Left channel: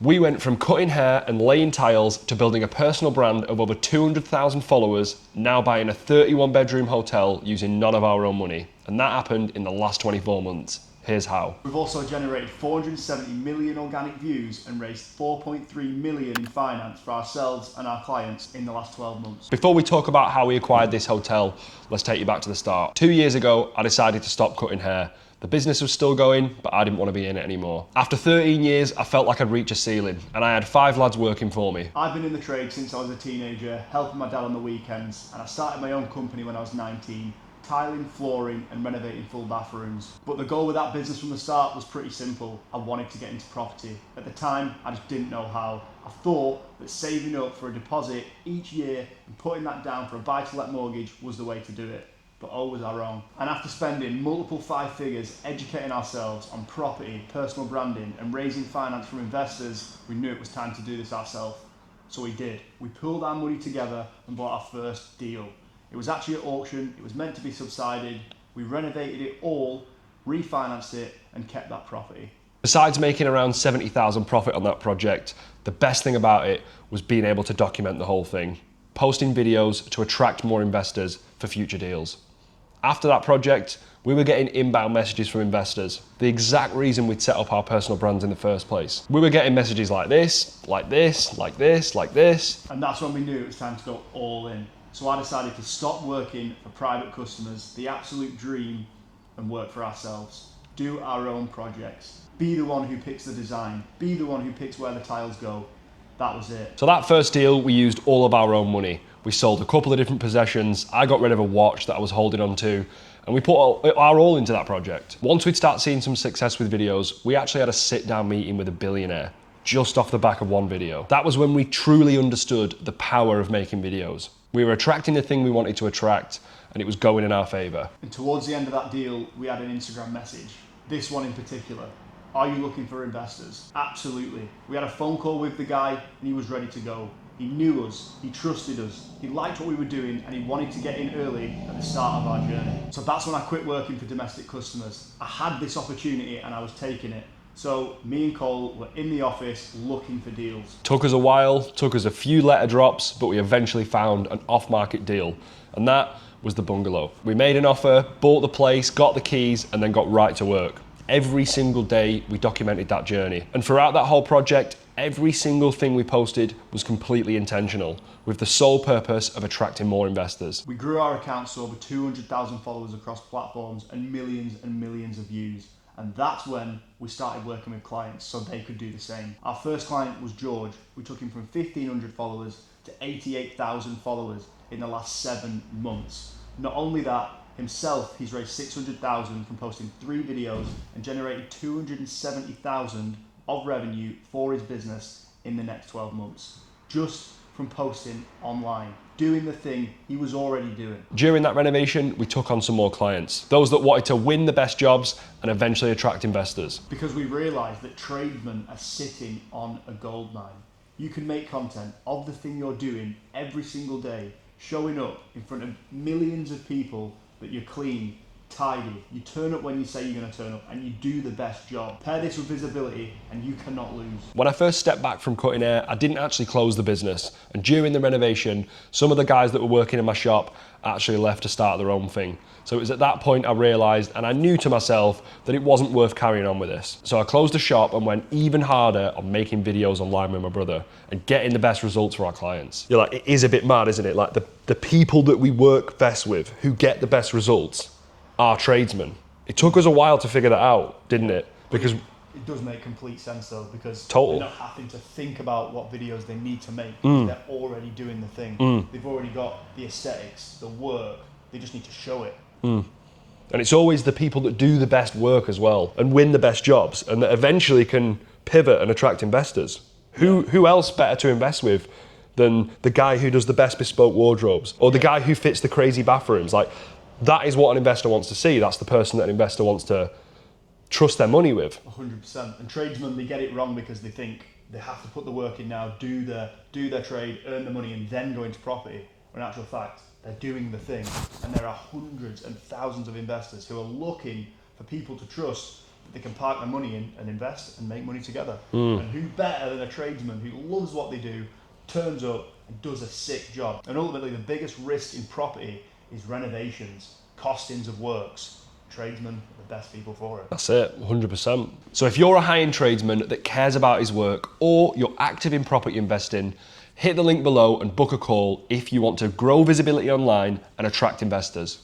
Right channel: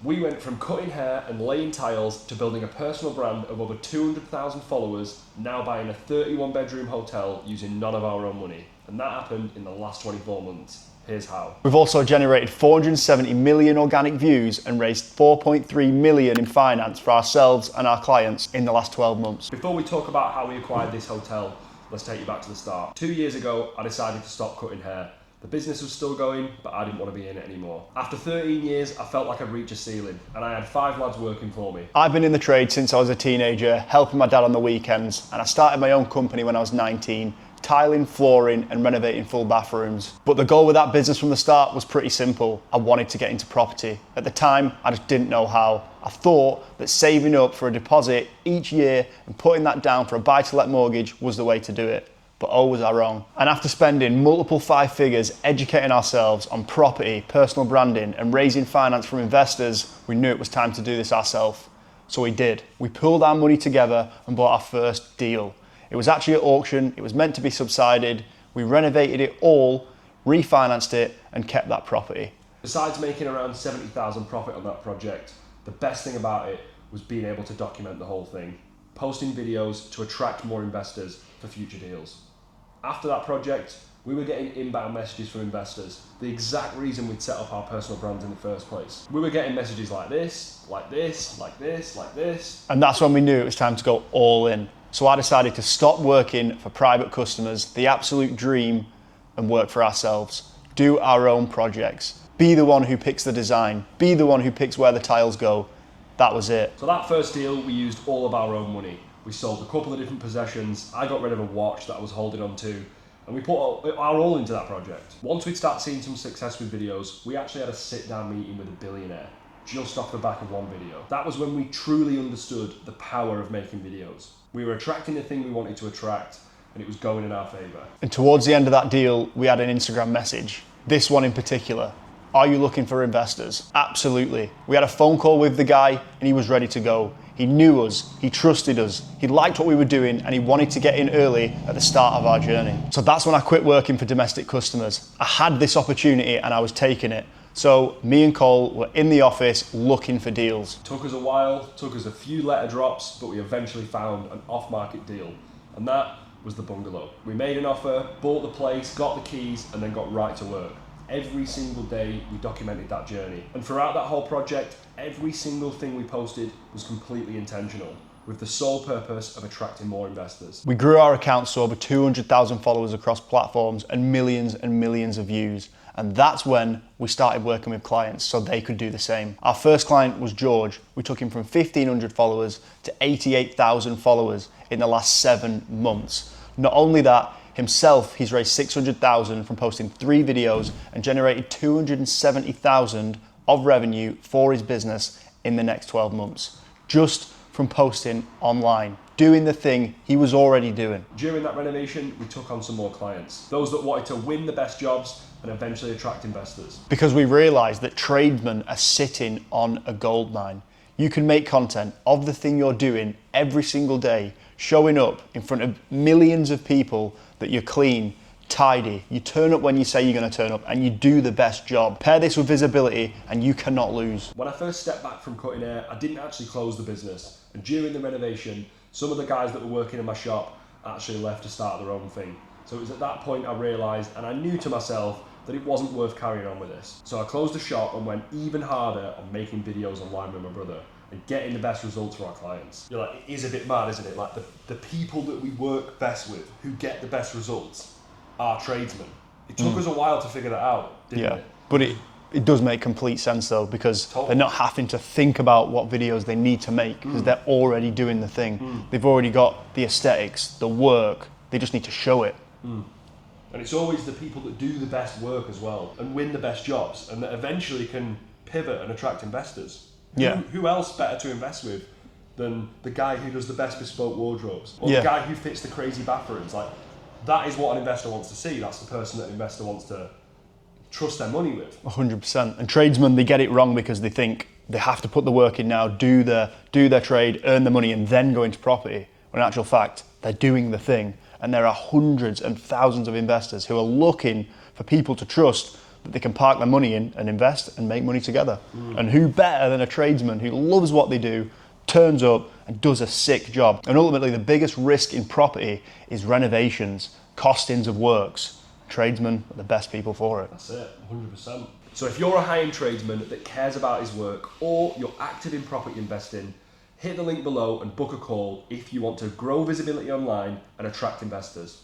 We went from cutting hair and laying tiles to building a personal brand of over 200,000 followers, now buying a 31-bedroom hotel using none of our own money. And that happened in the last 24 months. Here's how. We've also generated 470 million organic views and raised 4.3 million in finance for ourselves and our clients in the last 12 months. Before we talk about how we acquired this hotel, let's take you back to the start. 2 years ago, I decided to stop cutting hair. The business was still going, but I didn't want to be in it anymore. After 13 years, I felt like I'd reached a ceiling, and I had 5 lads working for me. I've been in the trade since I was a teenager, helping my dad on the weekends, and I started my own company when I was 19, tiling, flooring, and renovating full bathrooms. But the goal with that business from the start was pretty simple. I wanted to get into property. At the time, I just didn't know how. I thought that saving up for a deposit each year and putting that down for a buy-to-let mortgage was the way to do it. But oh, was I wrong. And after spending multiple 5 figures educating ourselves on property, personal branding, and raising finance from investors, we knew it was time to do this ourselves. So we did. We pooled our money together and bought our first deal. It was actually at auction, it was meant to be subsided, we renovated it all, refinanced it, and kept that property. Besides making around 70,000 profit on that project, the best thing about it was being able to document the whole thing, posting videos to attract more investors for future deals. After that project, we were getting inbound messages from investors, the exact reason we'd set up our personal brands in the first place. We were getting messages like this, like this, like this, like this. And that's when we knew it was time to go all in. So I decided to stop working for private customers, the absolute dream, and work for ourselves. Do our own projects. Be the one who picks the design. Be the one who picks where the tiles go. That was it. So that first deal, we used all of our own money. We sold a couple of different possessions. I got rid of a watch that I was holding on to, and we put our all into that project. Once we'd start seeing some success with videos, we actually had a sit-down meeting with a billionaire, just off the back of one video. That was when we truly understood the power of making videos. We were attracting the thing we wanted to attract, and it was going in our favor. And towards the end of that deal, we had an Instagram message. This one in particular. Are you looking for investors? Absolutely. We had a phone call with the guy, and he was ready to go. He knew us, he trusted us, he liked what we were doing, and he wanted to get in early at the start of our journey. So that's when I quit working for domestic customers. I had this opportunity and I was taking it. So me and Cole were in the office looking for deals. Took us a while, took us a few letter drops, but we eventually found an off-market deal, and that was the bungalow. We made an offer, bought the place, got the keys, and then got right to work. Every single day we documented that journey. And throughout that whole project, every single thing we posted was completely intentional, with the sole purpose of attracting more investors. We grew our accounts to over 200,000 followers across platforms and millions of views. And that's when we started working with clients so they could do the same. Our first client was George. We took him from 1,500 followers to 88,000 followers in the last 7 months. Not only that, himself, he's raised 600,000 from posting 3 videos and generated 270,000 of revenue for his business in the next 12 months, just from posting online, doing the thing he was already doing. During that renovation, we took on some more clients, those that wanted to win the best jobs and eventually attract investors. Because we realized that tradesmen are sitting on a gold mine. You can make content of the thing you're doing every single day, showing up in front of millions of people that you're clean, tidy, you turn up when you say you're going to turn up, and you do the best job. Pair this with visibility and you cannot lose. When I first stepped back from cutting hair, I didn't actually close the business, and during the renovation, some of the guys that were working in my shop actually left to start their own thing. So it was at that point I realized, and I knew to myself, that it wasn't worth carrying on with this. So I closed the shop and went even harder on making videos online with my brother and getting the best results for our clients. You're like, it is a bit mad, isn't it? Like the people that we work best with, who get the best results, are tradesmen. It took us a while to figure that out, didn't it? But it does make complete sense though, because they're not having to think about what videos they need to make, because they're already doing the thing. They've already got the aesthetics, the work, they just need to show it. And it's always the people that do the best work as well and win the best jobs and that eventually can pivot and attract investors. Who else better to invest with than the guy who does the best bespoke wardrobes or the guy who fits the crazy bathrooms? Like, that is what an investor wants to see. That's the person that an investor wants to trust their money with. 100%. And tradesmen, they get it wrong because they think they have to put the work in now, do their trade, earn the money, and then go into property. When in actual fact, they're doing the thing. And there are hundreds and thousands of investors who are looking for people to trust that they can park their money in and invest and make money together. And who better than a tradesman who loves what they do, turns up and does a sick job. And ultimately the biggest risk in property is renovations, costings of works. Tradesmen are the best people for it. That's it, 100%. So if you're a high-end tradesman that cares about his work, or you're active in property investing, hit the link below and book a call if you want to grow visibility online and attract investors.